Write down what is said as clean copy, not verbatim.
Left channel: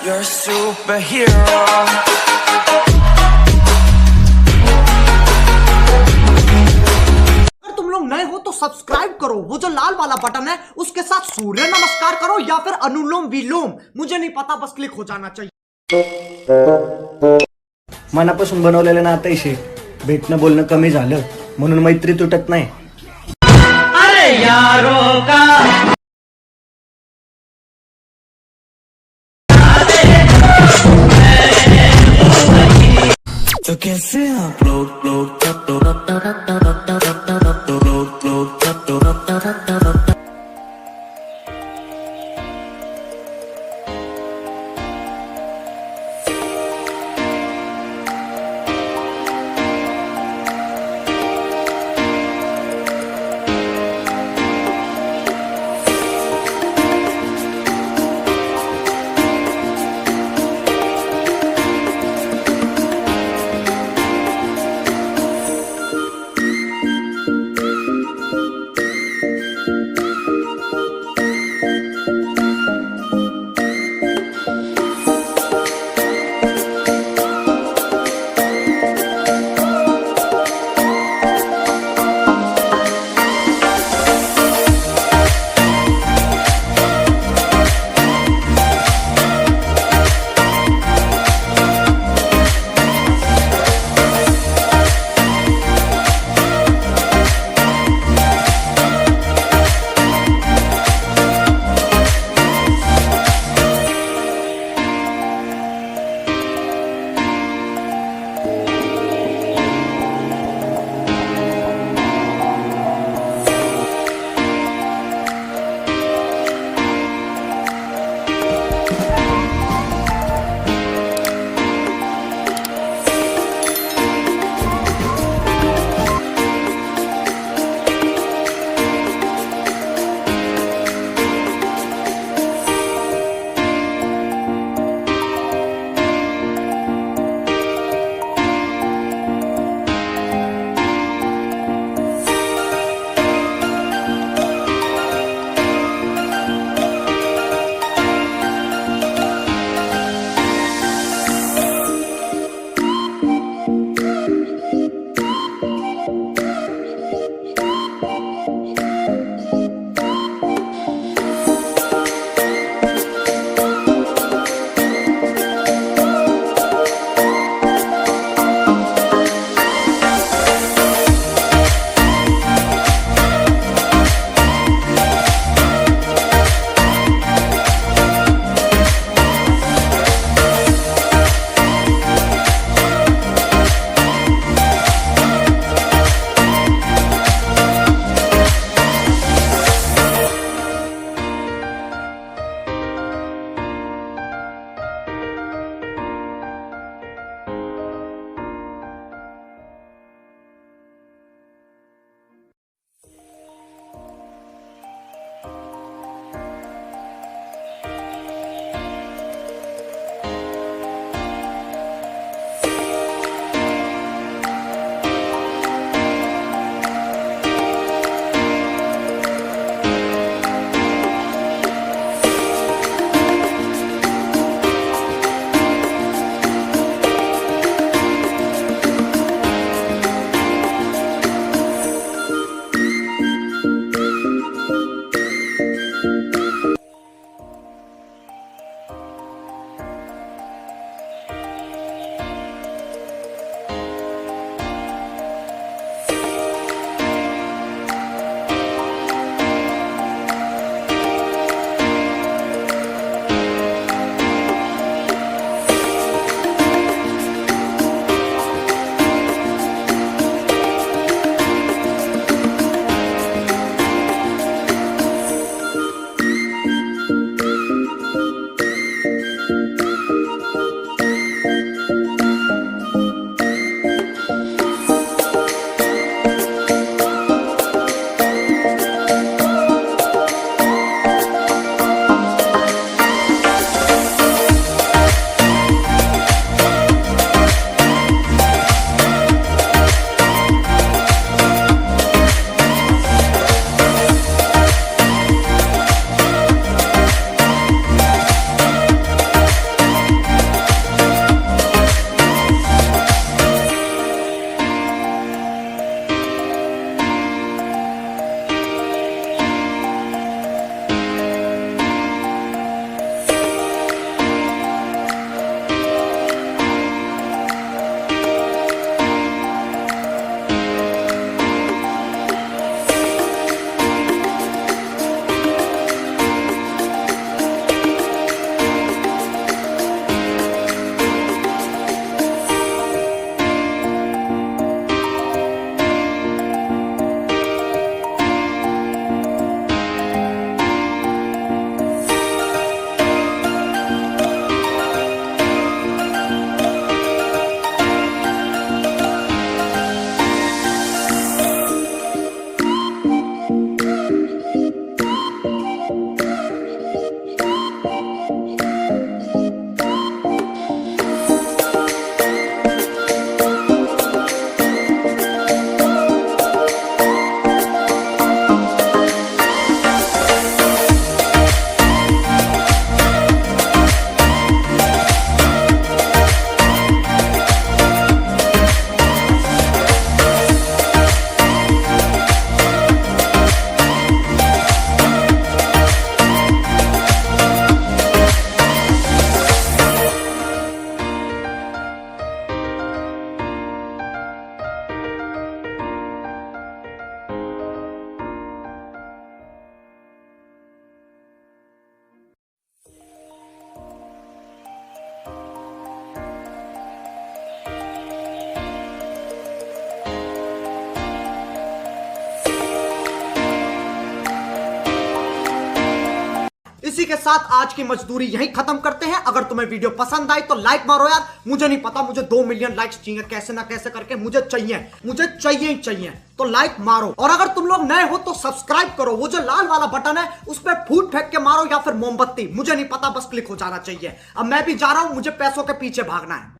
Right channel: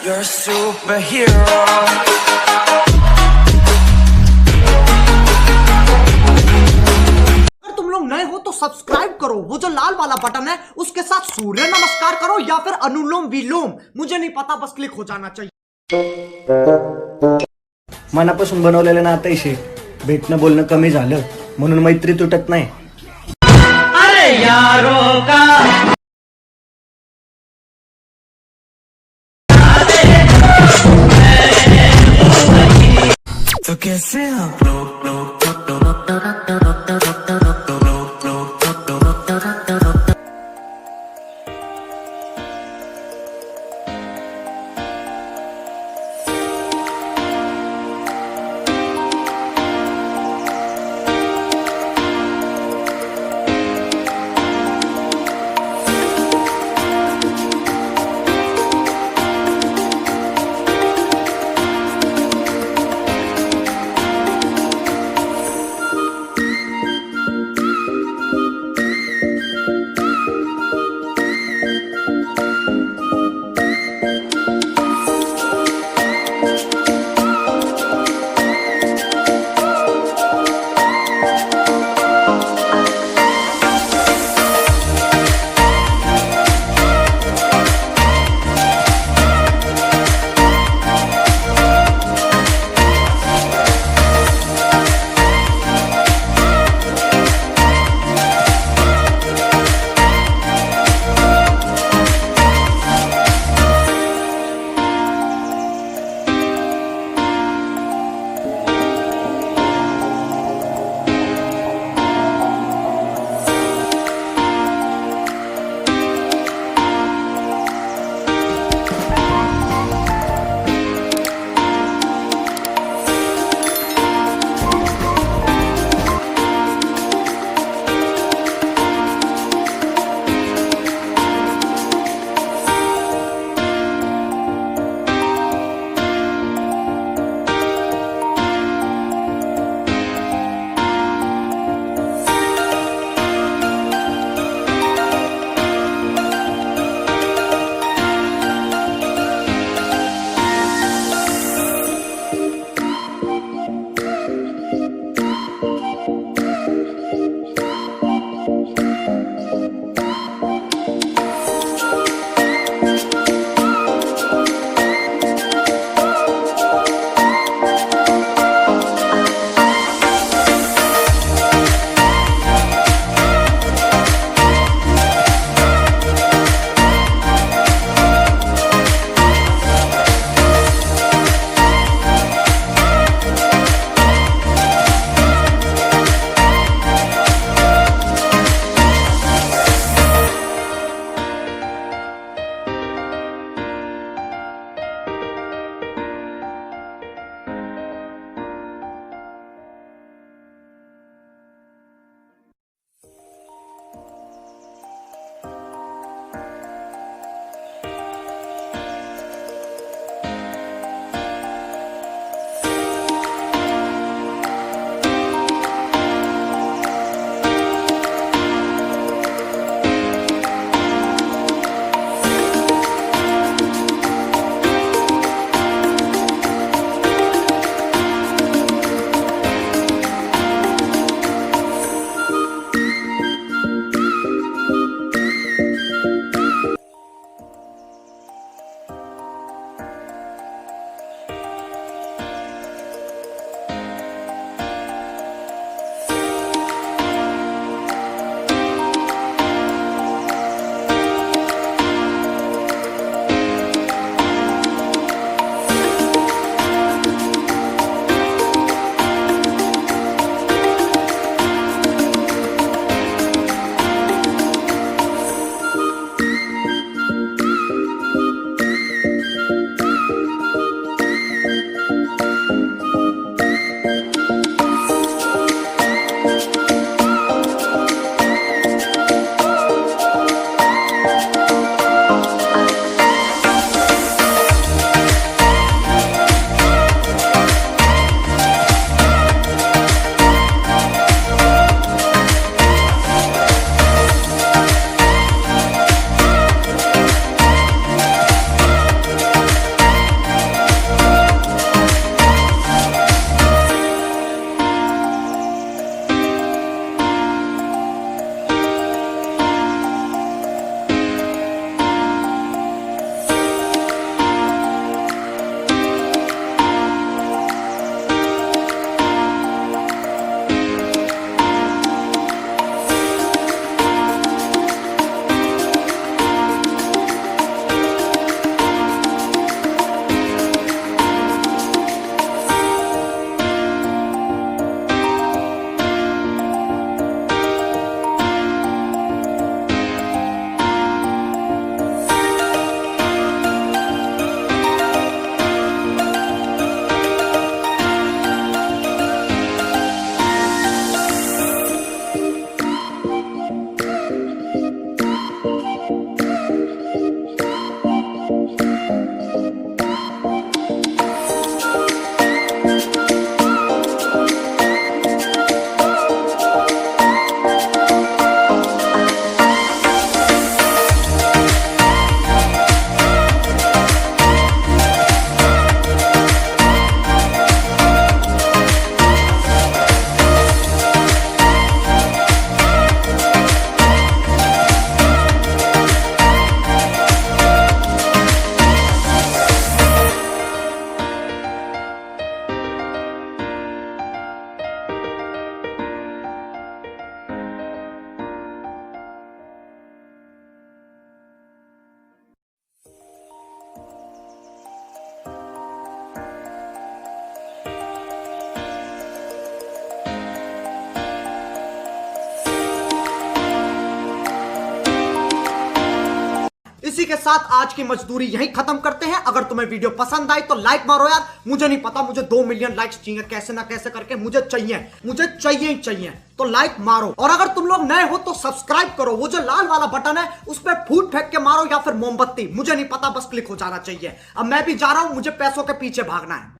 You're a superhero. अगर तुम लोग नए हो तो सब्सक्राइब करो, वो जो लाल वाला बटन है उसके साथ सूर्य नमस्कार करो या फिर अनुलोम विलोम, मुझे नहीं पता, बस क्लिक हो जाना चाहिए. मनापासून बनवलेलं नातं आहे. भेटणं बोलणं कमी झालं म्हणून मैत्री तुटत नाही. अरे यारो का तो कैसे आप लोग के साथ आज की मजदूरी यहीं खत्म करते हैं। अगर तुम्हें वीडियो पसंद आई तो लाइक मारो यार। मुझे नहीं पता, मुझे 2 मिलियन लाइक्स चाहिए, कैसे ना कैसे करके मुझे चाहिए ही चाहिए। तो लाइक मारो, और अगर तुम लोग नए हो तो सब्सक्राइब करो। वो जो लाल वाला बटन है उस पर फूट फेंक के मारो या फिर मोमबत्ती, मुझे नहीं पता, बस क्लिक हो जाना चाहिए। अब मैं भी जा रहा हूं, मुझे पैसों के पीछे भागना है।